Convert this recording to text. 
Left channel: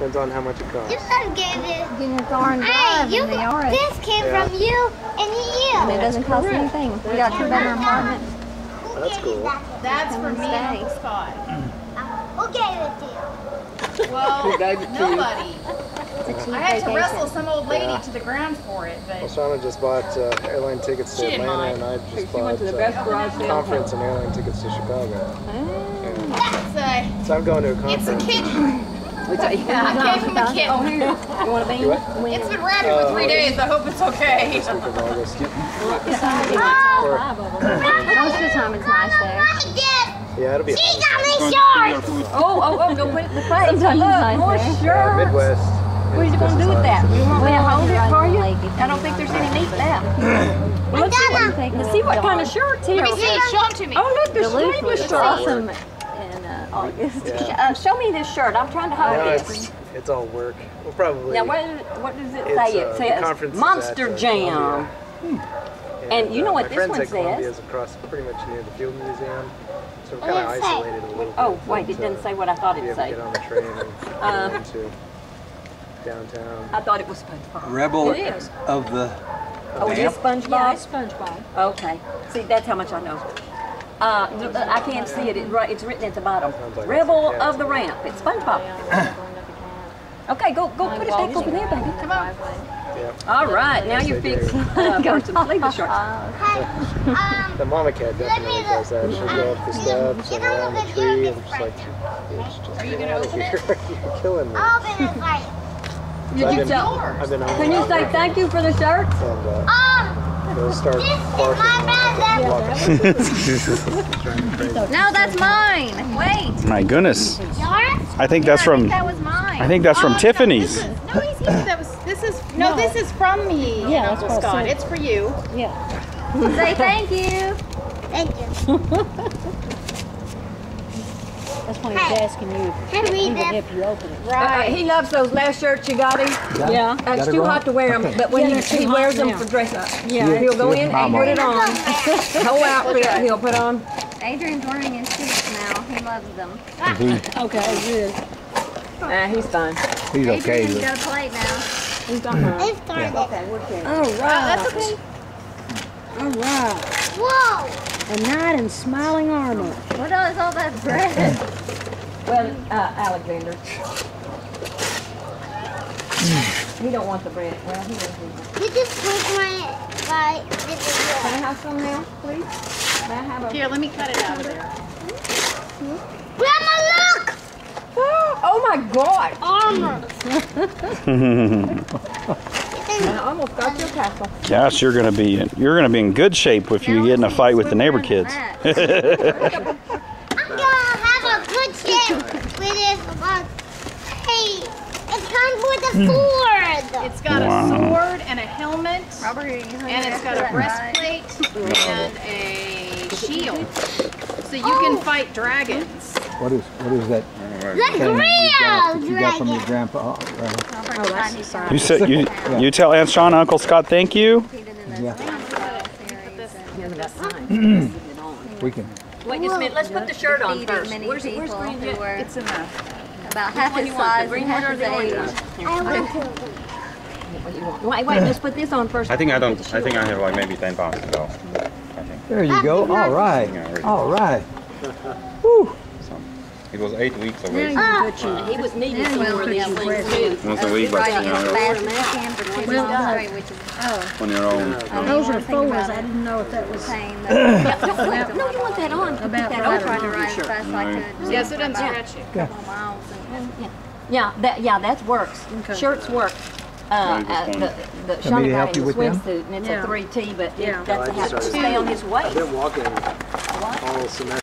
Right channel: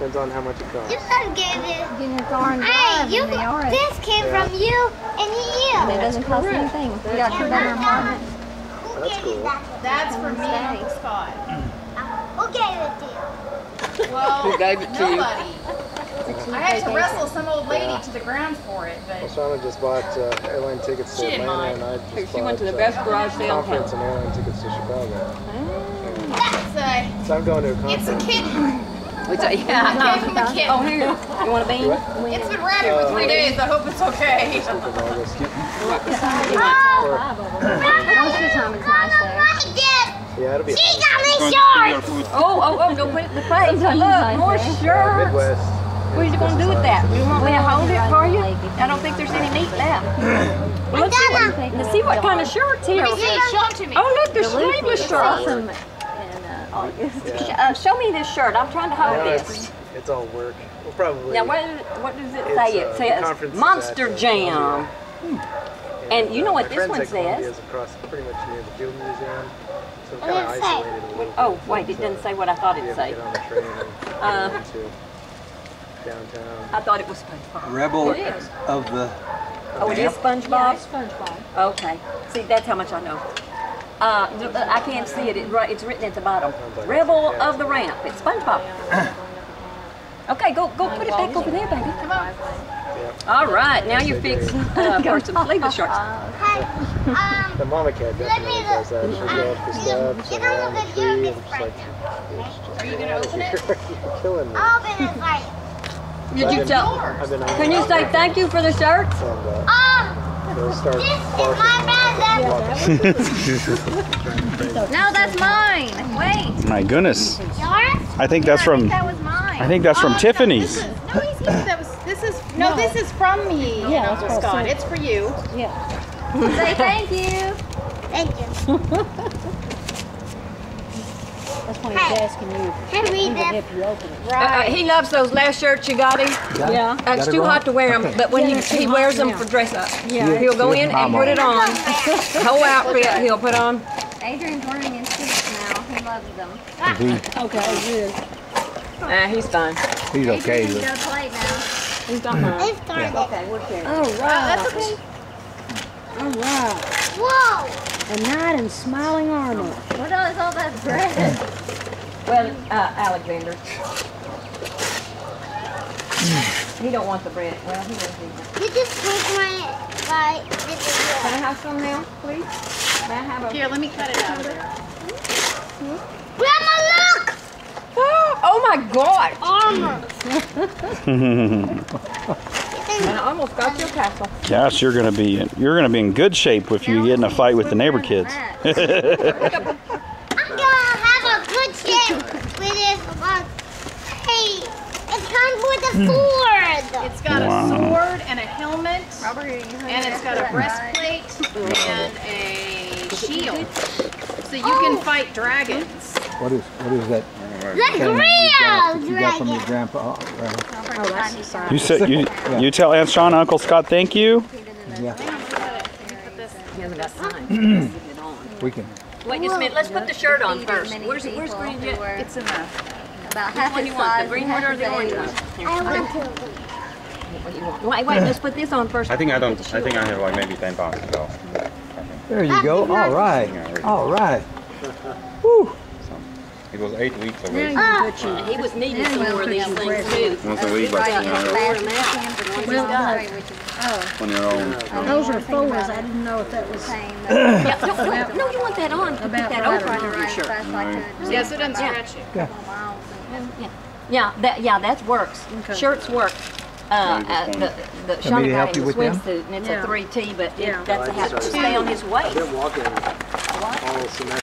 Depends on how much it costs. You gave it. Getting your car and Hey, drive in the yard. this came from you and you. And it doesn't cost anything. We got 2-bedroom apartment. That's cool. That's for me and Uncle Scott. Who gave it to you? Well, Who gave it to you? nobody. I had to wrestle some old lady to the ground for it, Well, but Shauna just bought airline tickets to She didn't Atlanta, mind. and I just She went bought to the best garage sale in conference town. and airline tickets to Chicago. it's So I'm going to a a conference. kitten. It's a, I gave him a oh, kitten. here. You want a bean? What? It's been ratted for 3 days. I hope it's okay. Of August. Most of the time it's nice there. Yeah, it'll be She got me shorts. Oh, don't put it in the plate. Look, more shirts. Midwest. What are you going to do with that? You want me to hold it for you? I don't think there's any meat left. Well, let's see what kind of shirts here. Show them to me. Oh, look, there's sleeveless shirts. Awesome in August. Yeah. Show me this shirt. I'm trying to hold No, this. it's all work. We'll probably. Now, what does it It's, say? the It says conference is Monster at, Jam. And you know what my this friends one at Columbia says? is across pretty much near the Field Museum. So we're What kind of does it say? isolated a little Oh, bit. wait, it doesn't say what I thought Be it able to said. get on the train and get into downtown. I thought it was SpongeBob. Rebel It is. of the Oh, it is SpongeBob? Yeah, it's SpongeBob. Okay. See, that's how much I know. I can't see it. It's written at the bottom. Rebel of the Ramp. It's SpongeBob. Okay, go put it back over there, baby. Come on. All right, now you're fixing for some sleeveless shorts. The mama cat definitely does that. She'll go up the steps and around the tree and just like, Are you gonna open it? you're killing me. I'll open it for you. Did you tell? I've been Can you say thank you for the shirts? They'll start This is barking my brother. No, that's mine. Wait. My goodness. Yours? I think that's from That was mine. I think that's from Tiffany's. No, he's that was. This is from me and Uncle Scott. It's for you. Say thank you. Thank you. That's when he's asking you Can I read this? if you open it. He loves those last shirts you got him. Yeah. It's too hot to wear them, but when he wears them for dress up, he'll go in and put it on. The whole outfit he'll put on. Adrian's wearing his suits now. He loves them. Okay, good. He's fine. He's okay. Adrian can go play now. He's done fine. It's started. All right. That's okay. All right. Whoa! A knight in smiling armor. What is all that bread? Well, Alexander. He don't want the bread. Well, he doesn't need that. You just take my this is Can I yours. have some now, please? May I have a... Here, let me cut it out of there. Grandma, look! Oh my God! Armor. I almost got your castle. Gosh, you're gonna be in good shape if you get in a fight with the neighbor kids. I'm gonna have a good shape with this one. Hey, it comes with a sword. It's got a sword and a helmet, Robert, are you using and it's got a breastplate and a shield, so you can fight dragons. What is that? The thing real you got from your dragon. grandpa? You said you tell Aunt Shauna, Uncle Scott, thank you. Yeah, we can. Wait just a minute. Let's put the shirt on Defeated first. many Where's people green who yet? were It's in the. about half What do his you want? The size green and one half or the his orange age. one? I want to. What do you want? Wait, let's put this on first. I think I have like maybe 10 pounds to go. There you go. All right. All right. Woo. It was 8 weeks away. He was needing some more of these things too. Once a week, but Right, you as know, fast as you can for 2 Well, months straight, which is on your own. Those are fours. I didn't know if that was pain. No, you want that on. Put About that right over Trying to on your ride as shirt. fast as I could. Yes, it doesn't stretch you. Couple miles and That works. Shirts work. The Shauna me to guy help in you the with them? swimsuit, and it's a 3T, but Yeah. that's to have to stay on his waist. I've been walking all semester.